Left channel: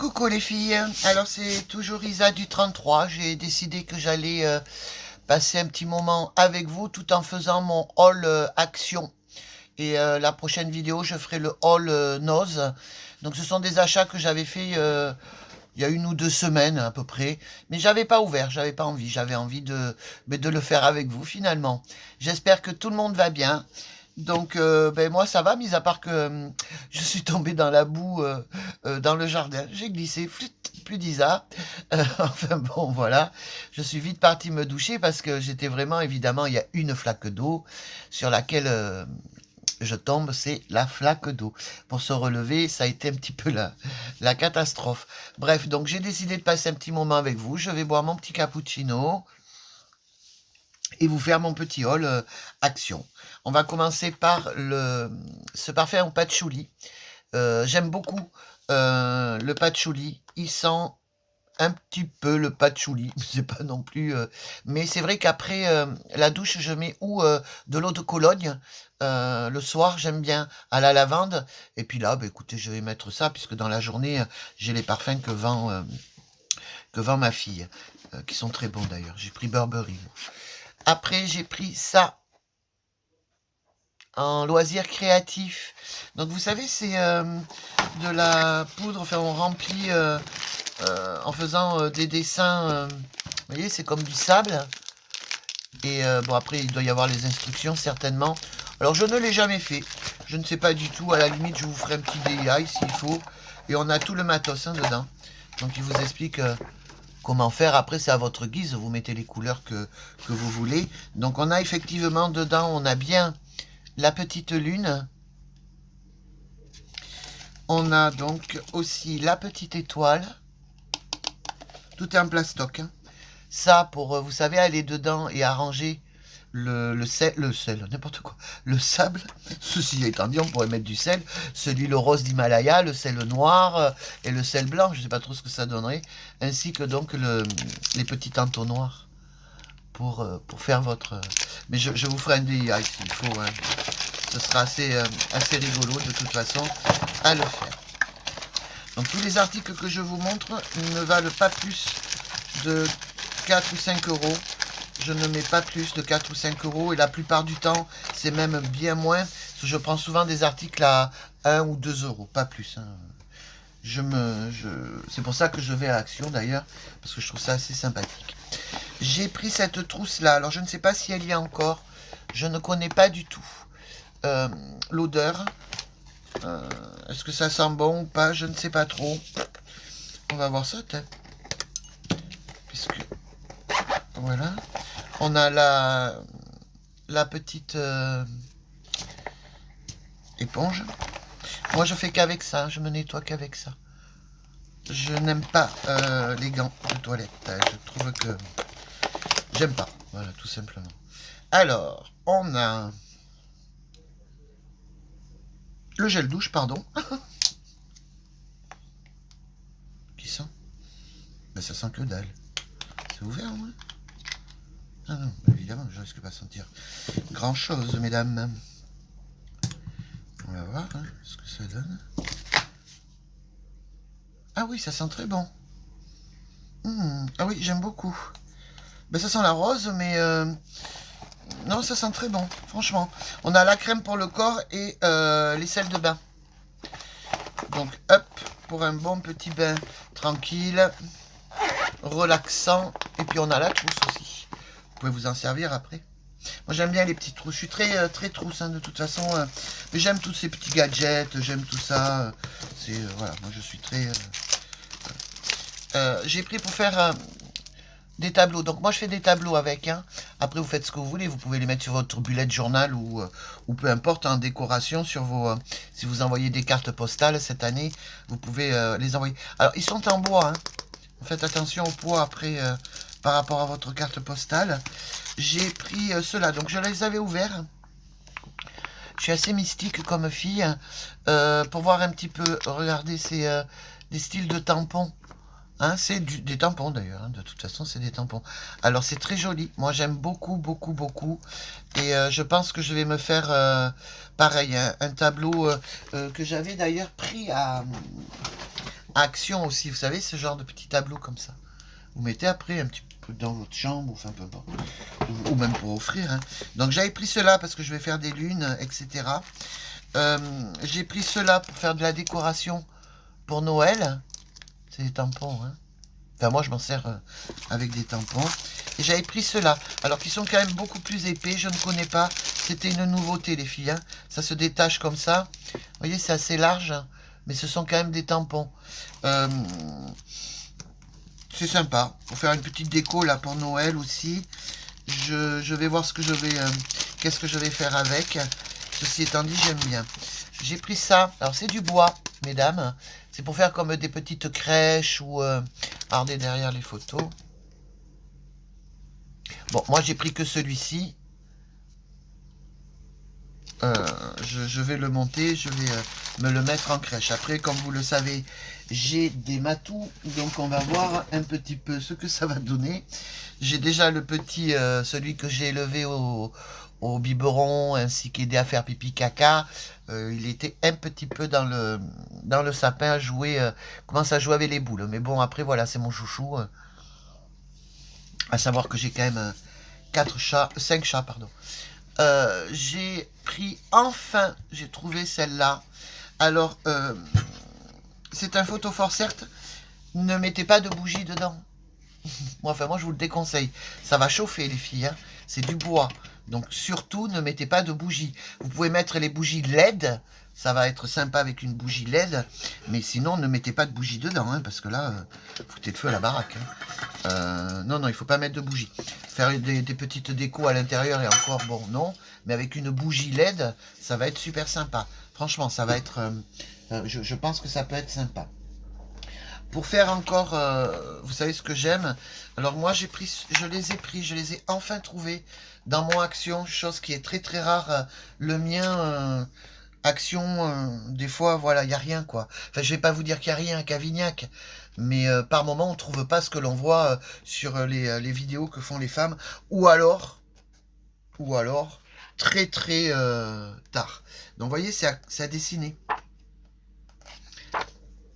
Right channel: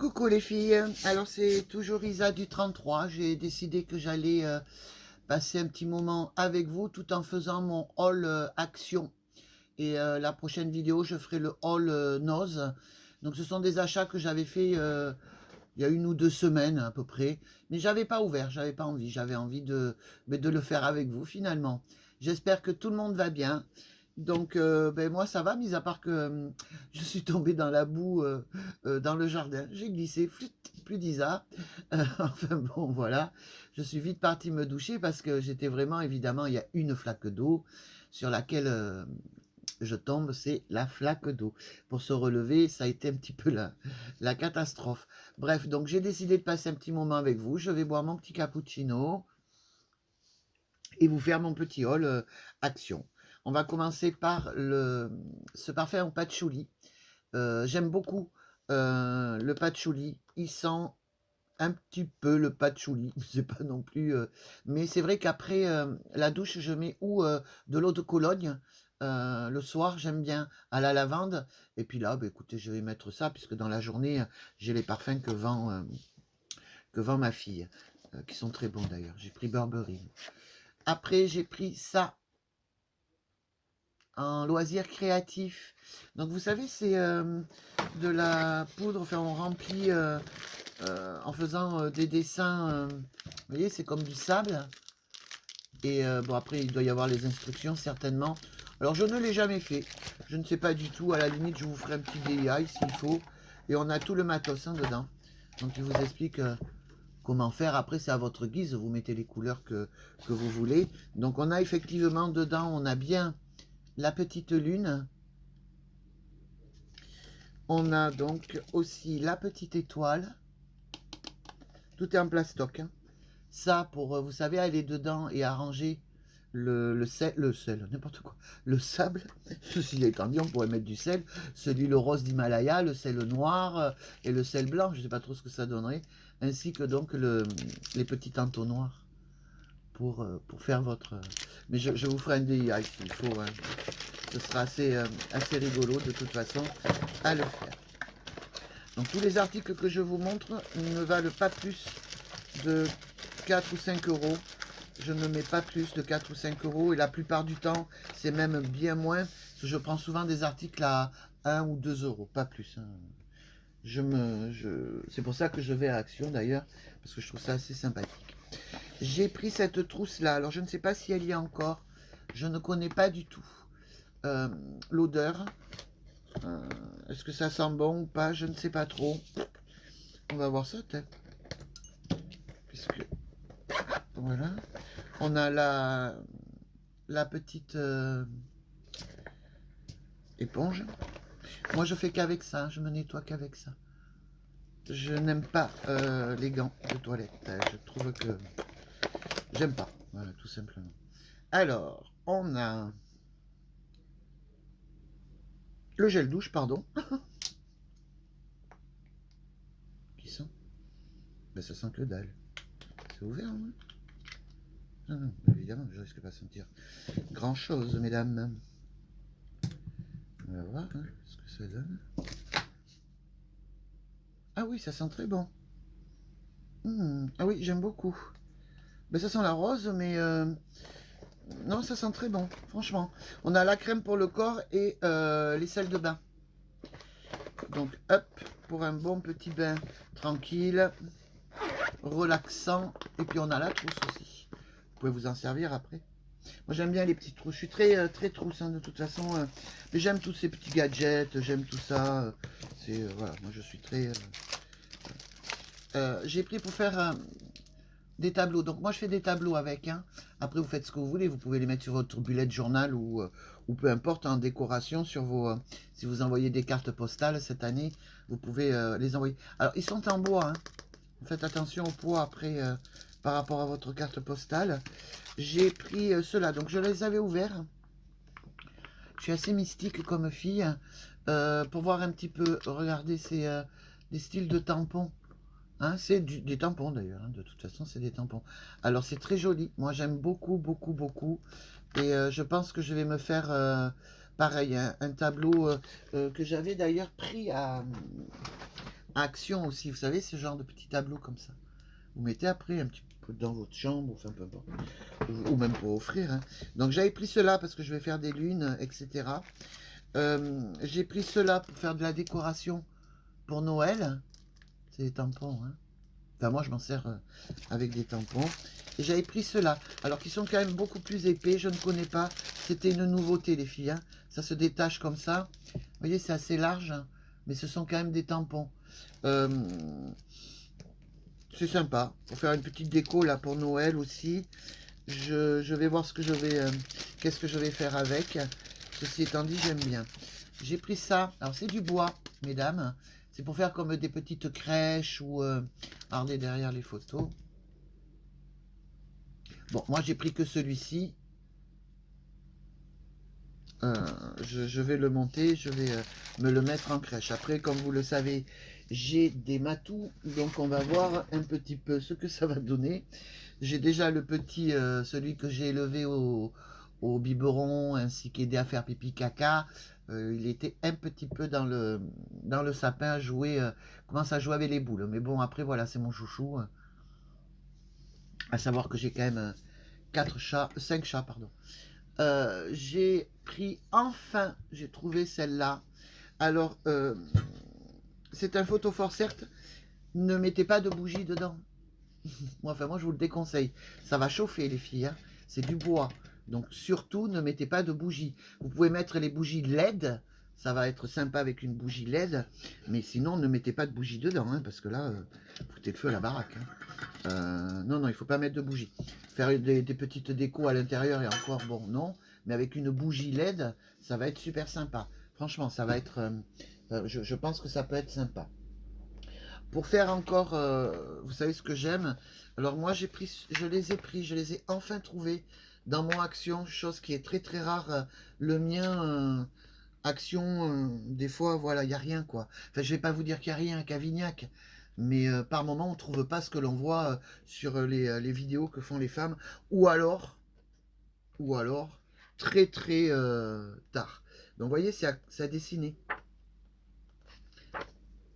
Coucou les filles, alors c'est toujours Isa du 33. J'ai décidé que j'allais passer un petit moment avec vous tout en faisant mon haul action. Et la prochaine vidéo, je ferai le haul nose. Donc ce sont des achats que j'avais fait il y a 1 ou 2 semaines à peu près. Mais j'avais pas ouvert, j'avais pas envie. J'avais envie de le faire avec vous finalement. J'espère que tout le monde va bien. Donc, moi, ça va, mis à part que je suis tombé dans la boue dans le jardin. J'ai glissé, flûte, plus d'Isa. Enfin bon, voilà. Je suis vite parti me doucher parce que j'étais vraiment, évidemment, il y a une flaque d'eau sur laquelle je tombe, c'est la flaque d'eau. Pour se relever, ça a été un petit peu la catastrophe. Bref, donc j'ai décidé de passer un petit moment avec vous. Je vais boire mon petit cappuccino et vous faire mon petit haul action. On va commencer par ce parfum au patchouli. J'aime beaucoup le patchouli. Il sent un petit peu le patchouli, c'est pas non plus... mais c'est vrai qu'après la douche, je mets de l'eau de Cologne. Le soir, j'aime bien à la lavande. Et puis là, écoutez, je vais mettre ça, puisque dans la journée, j'ai les parfums que vend ma fille, qui sont très bons d'ailleurs. J'ai pris Burberry. Après, j'ai pris ça en loisir créatif. Donc, vous savez, c'est de la poudre. Enfin, on remplit en faisant des dessins. Vous voyez, c'est comme du sable. Et bon, après, il doit y avoir les instructions, certainement. Alors, je ne l'ai jamais fait. Je ne sais pas du tout. À la limite, je vous ferai un petit DIY s'il faut. Et on a tout le matos dedans. Donc, il vous explique... comment faire. Après, c'est à votre guise, vous mettez les couleurs que vous voulez. Donc on a effectivement dedans, on a bien la petite lune. On a donc aussi la petite étoile. Tout est en plastoc. Ça, pour, vous savez, aller dedans et arranger le sel, n'importe quoi, le sable. Ceci étant dit, on pourrait mettre du sel, celui le rose d'Himalaya, le sel noir et le sel blanc, je ne sais pas trop ce que ça donnerait, ainsi que donc les petits entonnoirs pour faire votre... Mais je vous ferai un DIY s'il faut, hein. Ce sera assez rigolo de toute façon à le faire. Donc tous les articles que je vous montre ne valent pas plus de 4 ou 5 euros. Je ne mets pas plus de 4 ou 5 euros et la plupart du temps, c'est même bien moins. Parce que je prends souvent des articles à 1 ou 2 euros, pas plus. Hein. C'est pour ça que je vais à Action d'ailleurs, parce que je trouve ça assez sympathique. J'ai pris cette trousse-là. Alors, je ne sais pas si elle y est encore. Je ne connais pas du tout l'odeur. Est-ce que ça sent bon ou pas? Je ne sais pas trop. On va voir ça, peut-être. Puisque... Voilà. On a la petite éponge. Moi, je fais qu'avec ça. Je me nettoie qu'avec ça. Je n'aime pas les gants de toilette. Je trouve que... J'aime pas. Voilà, tout simplement. Alors, on a... le gel douche, pardon. Qui sent? Ben, ça sent que dalle. C'est ouvert, moi? Ah non, évidemment, je risque pas de sentir grand chose, mesdames. On va voir hein, ce que ça donne. Ah oui, ça sent très bon. Ah oui, j'aime beaucoup. Ben, ça sent la rose, mais non, ça sent très bon, franchement. On a la crème pour le corps et les sels de bain. Donc, hop, pour un bon petit bain tranquille, relaxant. Et puis, on a la trousse aussi. Vous pouvez vous en servir après. Moi, j'aime bien les petites trousses. Je suis très, très trousse, hein, de toute façon. Mais j'aime tous ces petits gadgets, j'aime tout ça. Voilà, moi, je suis très... j'ai pris pour faire... des tableaux. Donc moi je fais des tableaux avec. Hein. Après vous faites ce que vous voulez. Vous pouvez les mettre sur votre bullet journal ou peu importe en décoration sur vos... si vous envoyez des cartes postales cette année, vous pouvez les envoyer. Alors ils sont en bois. Hein. Faites attention au poids après par rapport à votre carte postale. J'ai pris ceux-là. Donc je les avais ouverts. Je suis assez mystique comme fille. Pour voir un petit peu. Regardez, c'est des styles de tampons. Hein, c'est des tampons d'ailleurs, hein, de toute façon c'est des tampons. Alors c'est très joli, moi j'aime beaucoup, beaucoup, beaucoup. Et je pense que je vais me faire pareil, un tableau que j'avais d'ailleurs pris Action aussi, vous savez, ce genre de petit tableau comme ça. Vous mettez après un petit peu dans votre chambre, enfin peu importe, ou même pour offrir. Hein. Donc j'avais pris cela parce que je vais faire des lunes, etc. J'ai pris cela pour faire de la décoration pour Noël. C'est des tampons, hein. Enfin moi je m'en sers avec des tampons. Et j'avais pris cela, alors qu'ils sont quand même beaucoup plus épais, je ne connais pas. C'était une nouveauté les filles, hein. Ça se détache comme ça. Vous voyez, c'est assez large, mais ce sont quand même des tampons. C'est sympa, pour faire une petite déco là pour Noël aussi. Je vais voir ce que je vais, qu'est-ce que je vais faire avec. Ceci étant dit, j'aime bien. J'ai pris ça, alors c'est du bois, mesdames. C'est pour faire comme des petites crèches ou... regardez derrière les photos. Bon, moi j'ai pris que celui-ci. Je vais le monter, je vais me le mettre en crèche. Après, comme vous le savez, j'ai des matous, donc on va voir un petit peu ce que ça va donner. J'ai déjà le petit, celui que j'ai élevé au biberon, ainsi qu'aidé à faire pipi caca. Il était un petit peu dans le sapin à jouer, commence à jouer avec les boules. Mais bon, après voilà, c'est mon chouchou. À savoir que j'ai quand même 5 chats, pardon. J'ai pris, enfin, j'ai trouvé celle-là. Alors, c'est un photophore, certes. Ne mettez pas de bougie dedans. Moi, enfin, moi, je vous le déconseille. Ça va chauffer, les filles. Hein. C'est du bois. Donc, surtout, ne mettez pas de bougie. Vous pouvez mettre les bougies LED. Ça va être sympa avec une bougie LED. Mais sinon, ne mettez pas de bougie dedans. Hein, parce que là, foutez le feu à la baraque. Hein. Non, non, il ne faut pas mettre de bougie. Faire des petites décos à l'intérieur et encore, bon, non. Mais avec une bougie LED, ça va être super sympa. Franchement, ça va être... je pense que ça peut être sympa. Pour faire encore, vous savez ce que j'aime. Alors moi, je les ai enfin trouvés dans mon Action, chose qui est très très rare. Le mien, Action, des fois, voilà, il n'y a rien quoi. Enfin, je vais pas vous dire qu'il n'y a rien à Cavignac, mais par moment, on ne trouve pas ce que l'on voit sur les vidéos que font les femmes, ou alors, très très tard. Donc, vous voyez, c'est à dessiner.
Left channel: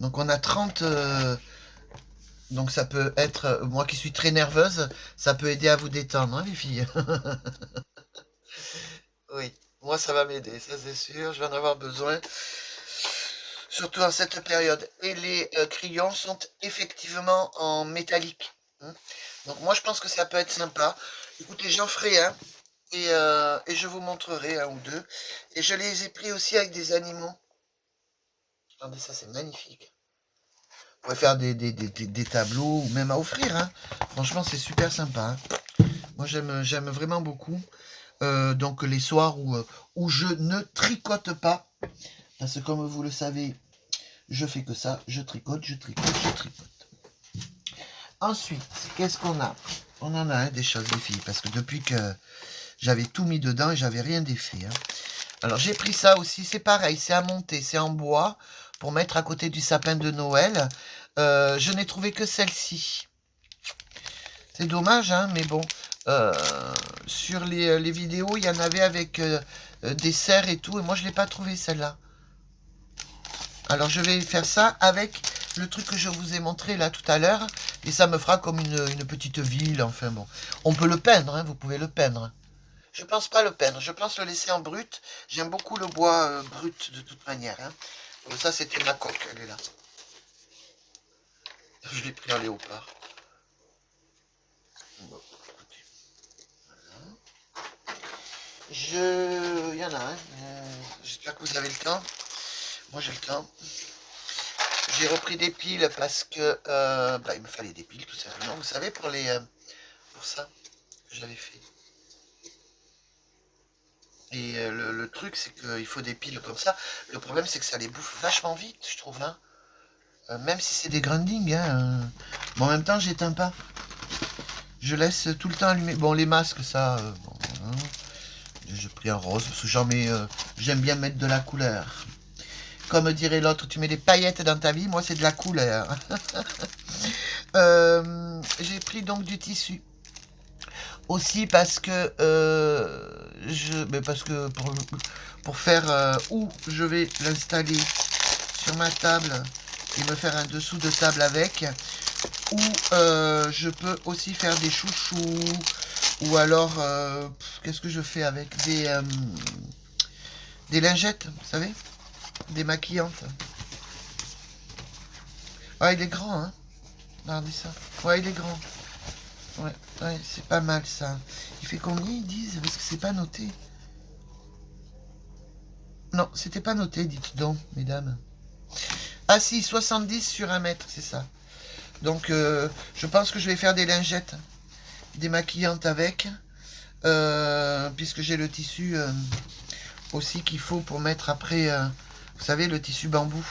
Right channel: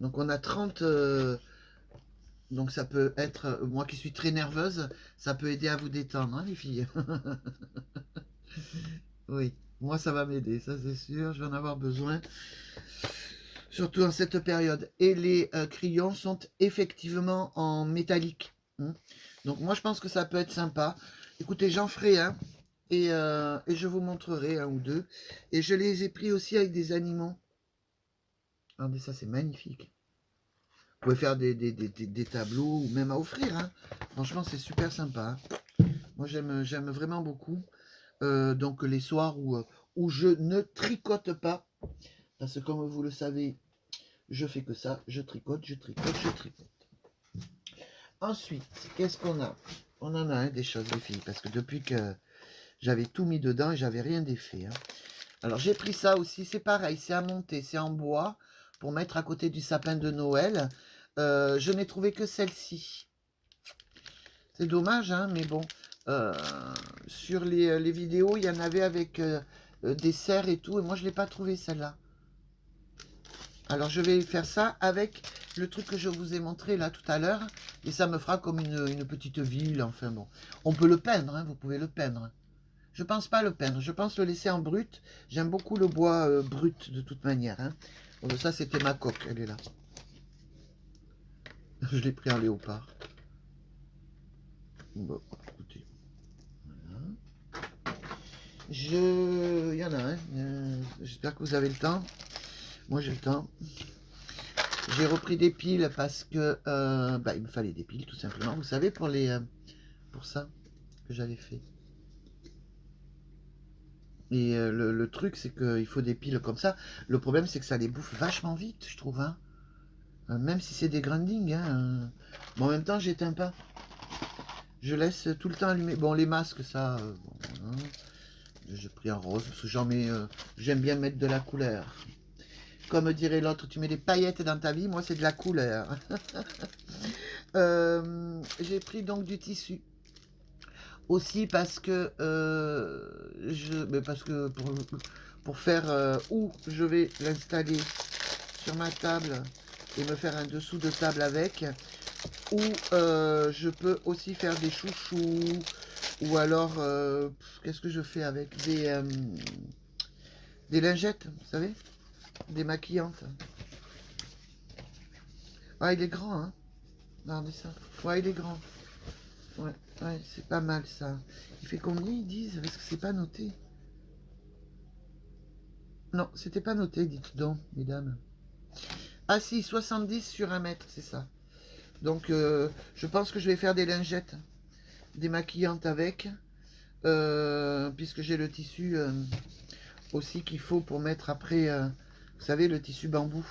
Donc on a 30... donc ça peut être... moi qui suis très nerveuse, ça peut aider à vous détendre, hein, les filles. Oui, moi ça va m'aider, ça c'est sûr, je vais en avoir besoin. Surtout en cette période. Et les crayons sont effectivement en métallique. Hein. Donc moi je pense que ça peut être sympa. Écoutez, j'en ferai un. Et je vous montrerai un ou deux. Et je les ai pris aussi avec des animaux. Regardez ça, c'est magnifique. Vous pouvez faire des tableaux ou même à offrir. Hein. Franchement, c'est super sympa. Hein. Moi, j'aime vraiment beaucoup. Donc, les soirs où je ne tricote pas. Parce que comme vous le savez, je fais que ça. Je tricote, je tricote, je tricote. Ensuite, qu'est-ce qu'on a? On en a hein, des choses, les filles. Parce que depuis que j'avais tout mis dedans et j'avais rien défait. Hein. Alors, j'ai pris ça aussi. C'est pareil, c'est à monter. C'est en bois. Pour mettre à côté du sapin de Noël. Je n'ai trouvé que celle-ci. C'est dommage, hein, mais bon. Sur les vidéos, il y en avait avec des serres et tout. Et moi, je ne l'ai pas trouvé, celle-là. Alors, je vais faire ça avec le truc que je vous ai montré là tout à l'heure. Et ça me fera comme une petite ville. Enfin, bon. On peut le peindre, hein, vous pouvez le peindre. Je pense pas le peindre. Je pense le laisser en brut. J'aime beaucoup le bois brut, de toute manière. Hein. Donc, ça, c'était ma coque. Elle est là. Je l'ai pris en léopard. Bon, écoutez. Voilà. Il y en a un. J'espère que vous avez le temps. Moi, j'ai le temps. J'ai repris des piles parce que il me fallait des piles, tout simplement. Vous savez, pour ça que j'avais fait. Et le truc, c'est qu'il faut des piles comme ça. Le problème, c'est que ça les bouffe vachement vite, je trouve. Hein. Même si c'est des grindings. Hein, mais en même temps, j'éteins pas. Je laisse tout le temps allumé. Bon, les masques, ça... bon, hein. J'ai pris un rose, parce que j'aime bien mettre de la couleur. Comme dirait l'autre, tu mets des paillettes dans ta vie, moi c'est de la couleur. J'ai pris donc du tissu. Aussi parce que pour faire où je vais l'installer sur ma table et me faire un dessous de table avec. Ou je peux aussi faire des chouchous. Ou alors, qu'est-ce que je fais avec des lingettes, vous savez, des maquillantes. Ah, il est grand, hein. Regardez ça. Ouais, il est grand. Ouais, ouais, c'est pas mal ça. Il fait combien ils disent? Parce que c'est pas noté. Non, c'était pas noté, dites donc, mesdames. Ah si, 70 sur 1 mètre, c'est ça. Donc, je pense que je vais faire des lingettes, des maquillantes avec, puisque j'ai le tissu aussi qu'il faut pour mettre après, vous savez, le tissu bambou.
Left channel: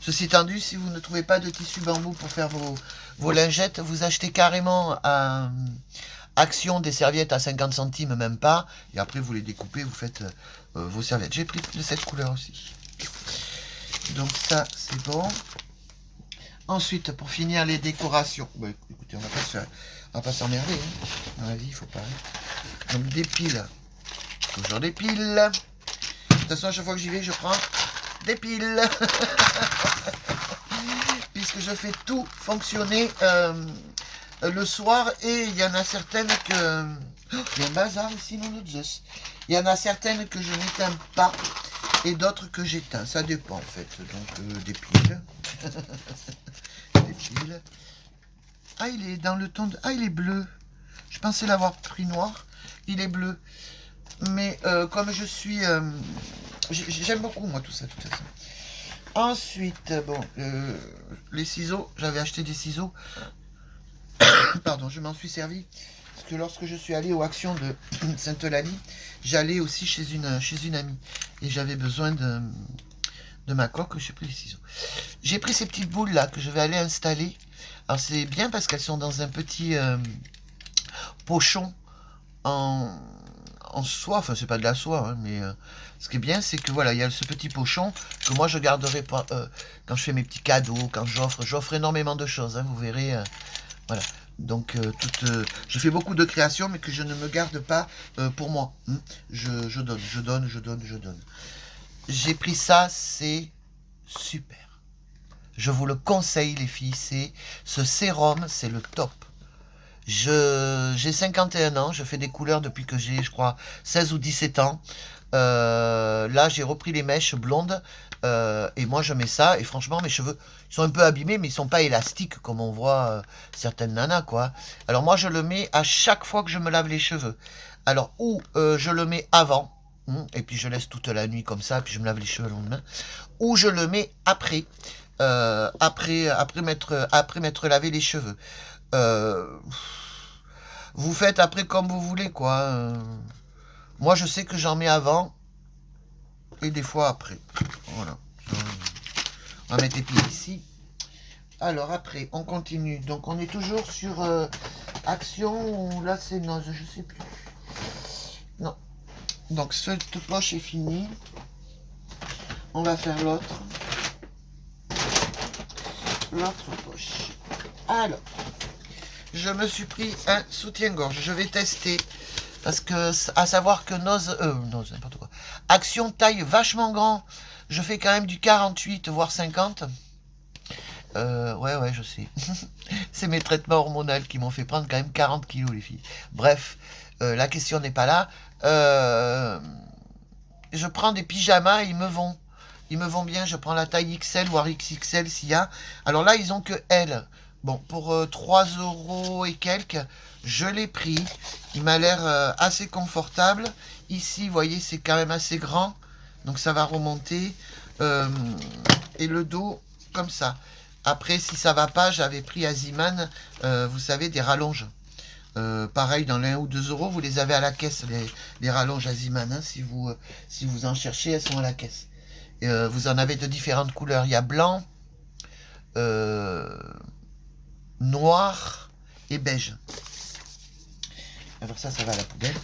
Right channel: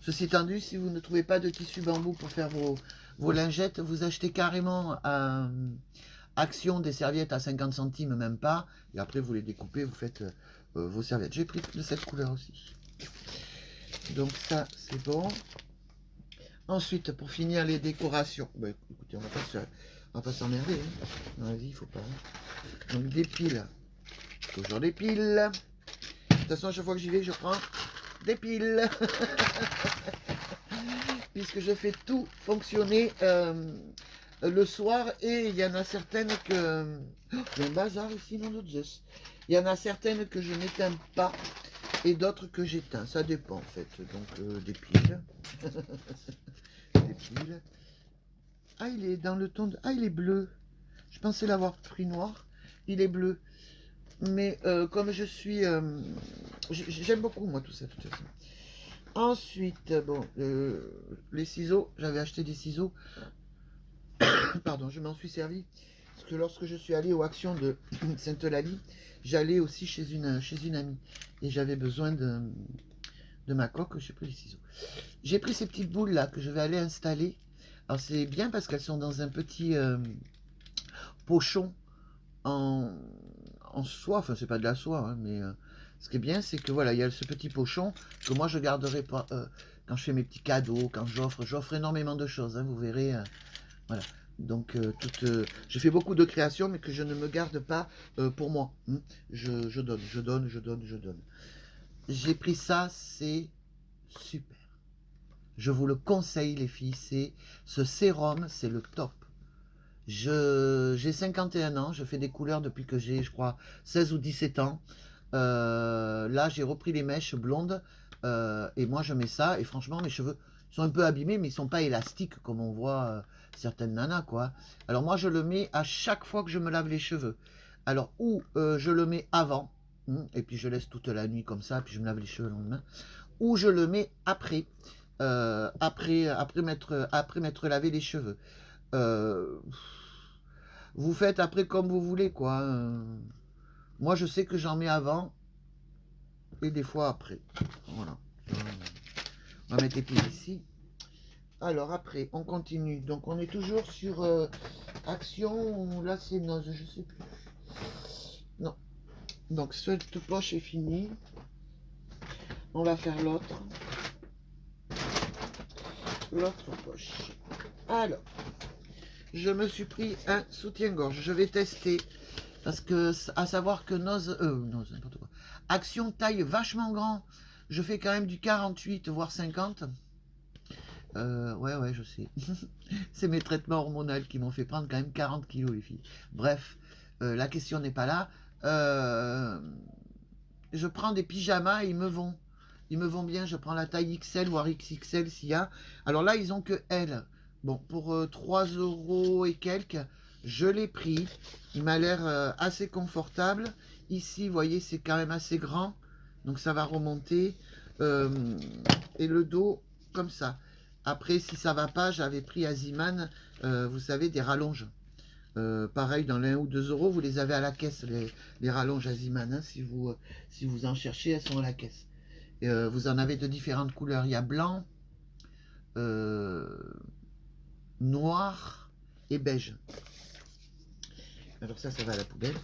Ceci étant dit, si vous ne trouvez pas de tissu bambou pour faire vos lingettes, vous achetez carrément à Action des serviettes à 50 centimes, même pas, et après vous les découpez, vous faites vos serviettes. J'ai pris de cette couleur aussi. Donc ça, c'est bon. Ensuite, pour finir les décorations, bah, écoutez, on va pas s'emmerder, hein. Dans la vie, il faut pas. Donc des piles, toujours des piles. De toute façon, à chaque fois que j'y vais, je prends des piles. Puisque je fais tout fonctionner le soir, et il y en a certaines que... Oh, il y a un bazar ici, non de Zeus. Il y en a certaines que je n'éteins pas, et d'autres que j'éteins. Ça dépend en fait. Donc des piles. Des piles. Ah, il est dans le ton de... Ah, il est bleu. Je pensais l'avoir pris noir. Il est bleu. Mais comme je suis... j'aime beaucoup, moi, tout ça, de toute façon. Ensuite, bon, les ciseaux. J'avais acheté des ciseaux. Pardon, je m'en suis servi. Parce que lorsque je suis allé aux actions de Sainte-Eulalie, j'allais aussi chez une amie. Et j'avais besoin de ma coque. J'ai pris les ciseaux. J'ai pris ces petites boules là que je vais aller installer. Alors c'est bien parce qu'elles sont dans un petit pochon en soie. Enfin, c'est pas de la soie, hein, mais ce qui est bien, c'est que voilà, il y a ce petit pochon que moi je garderai pour, quand je fais mes petits cadeaux, quand j'offre énormément de choses, hein, vous verrez. Voilà. Donc, je fais beaucoup de créations, mais que je ne me garde pas pour moi. Hein. Je donne. J'ai pris ça, c'est super. Je vous le conseille, les filles. Ce sérum, c'est le top. J'ai 51 ans, je fais des couleurs depuis que j'ai, je crois, 16 ou 17 ans. Là, j'ai repris les mèches blondes, et moi, je mets ça, et franchement, mes cheveux, ils sont un peu abîmés, mais ils sont pas élastiques, comme on voit certaines nanas, quoi. Alors, moi, je le mets à chaque fois que je me lave les cheveux. Alors, ou je le mets avant, et puis je laisse toute la nuit comme ça, puis je me lave les cheveux le lendemain, ou je le mets après, après m'être lavé les cheveux. Vous faites après comme vous voulez, quoi. Moi, je sais que j'en mets avant et des fois après. Voilà. On va mettre les pieds ici. Alors, après, on continue. Donc, on est toujours sur Action. Là, c'est Noz, je sais plus. Non. Donc, cette poche est finie. On va faire l'autre. L'autre poche. Alors, je me suis pris un soutien-gorge. Je vais tester. Parce que, à savoir que Noz, n'importe quoi. Action taille vachement grand. Je fais quand même du 48, voire 50. Ouais, je sais. C'est mes traitements hormonaux qui m'ont fait prendre quand même 40 kilos, les filles. Bref, la question n'est pas là. Je prends des pyjamas et ils me vont. Ils me vont bien. Je prends la taille XL, voire XXL s'il y a. Alors là, ils ont que L. Bon, pour 3 € et quelques, je l'ai pris. Il m'a l'air assez confortable. Ici, vous voyez, c'est quand même assez grand. Donc ça va remonter. Et le dos, comme ça. Après, si ça va pas, j'avais pris à Ziman, vous savez, des rallonges. Pareil, dans les 1 ou 2 €, vous les avez à la caisse, les rallonges à Ziman. Hein, si vous en cherchez, elles sont à la caisse. Vous en avez de différentes couleurs. Il y a blanc, noir et beige. Alors ça va à la poubelle.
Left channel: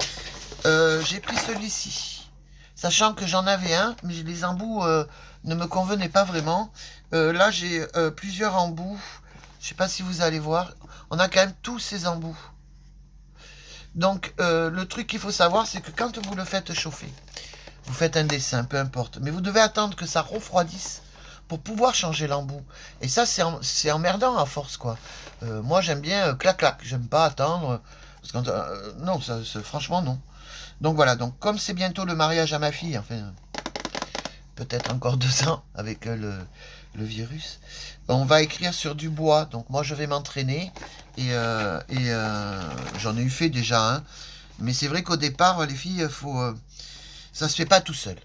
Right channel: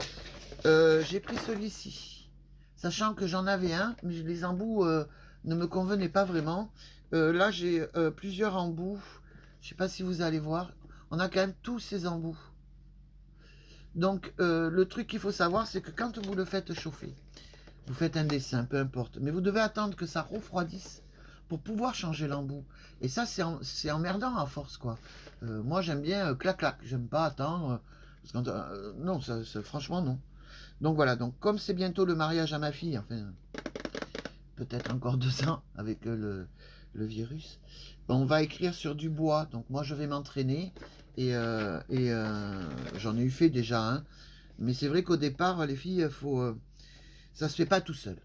J'ai pris celui-ci, sachant que j'en avais un, mais les embouts ne me convenaient pas vraiment. Là, j'ai plusieurs embouts. Je sais pas si vous allez voir. On a quand même tous ces embouts. Donc, le truc qu'il faut savoir, c'est que quand vous le faites chauffer, vous faites un dessin, peu importe, mais vous devez attendre que ça refroidisse pour pouvoir changer l'embout. Et ça, c'est emmerdant à force, quoi. Moi, j'aime bien clac-clac. J'aime pas attendre. Parce que, non, franchement, non. Donc voilà, donc comme c'est bientôt le mariage à ma fille, enfin, peut-être encore 2 ans avec le virus, on va écrire sur du bois. Donc moi, je vais m'entraîner. J'en ai eu fait déjà un. Mais c'est vrai qu'au départ, les filles, ça se fait pas tout seul.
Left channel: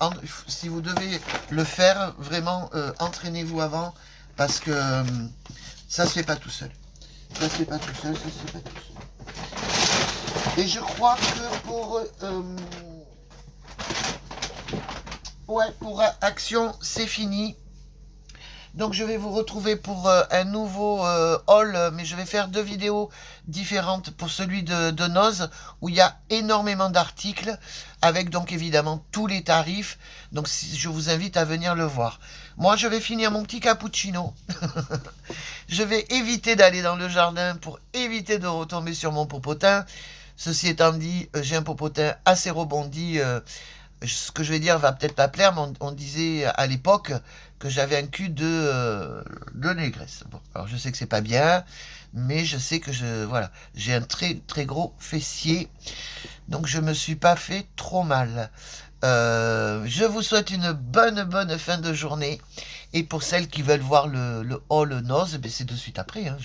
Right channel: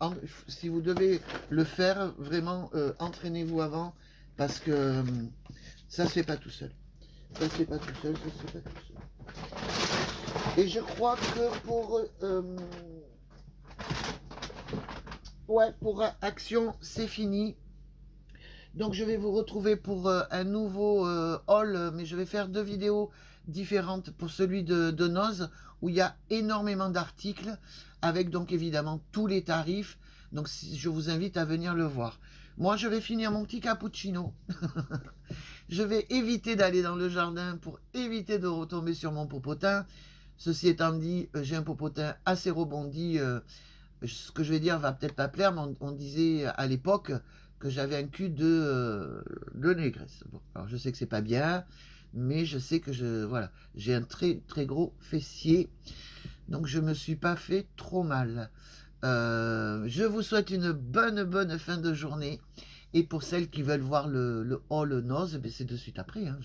Hein. Si vous devez le faire, vraiment, entraînez-vous avant. Parce que ça se fait pas tout seul. Ça se fait pas tout seul, ça se fait pas tout seul. Et je crois que pour Action, c'est fini. Donc je vais vous retrouver pour un nouveau haul, mais je vais faire 2 vidéos différentes pour celui de Noz, où il y a énormément d'articles, avec donc évidemment tous les tarifs. Donc je vous invite à venir le voir. Moi je vais finir mon petit cappuccino. Je vais éviter d'aller dans le jardin pour éviter de retomber sur mon popotin. Ceci étant dit, j'ai un popotin assez rebondi. Ce que je vais dire va peut-être pas plaire, mais on disait à l'époque que j'avais un cul de négresse. Bon, alors je sais que c'est pas bien, mais je sais que voilà, j'ai un très très gros fessier, donc je me suis pas fait trop mal. Je vous souhaite une bonne fin de journée, et pour celles qui veulent voir le haul Noz, ben c'est de suite après, hein,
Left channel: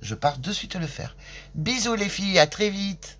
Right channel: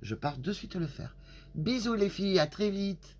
je pars de suite le faire. Bisous les filles, à très vite.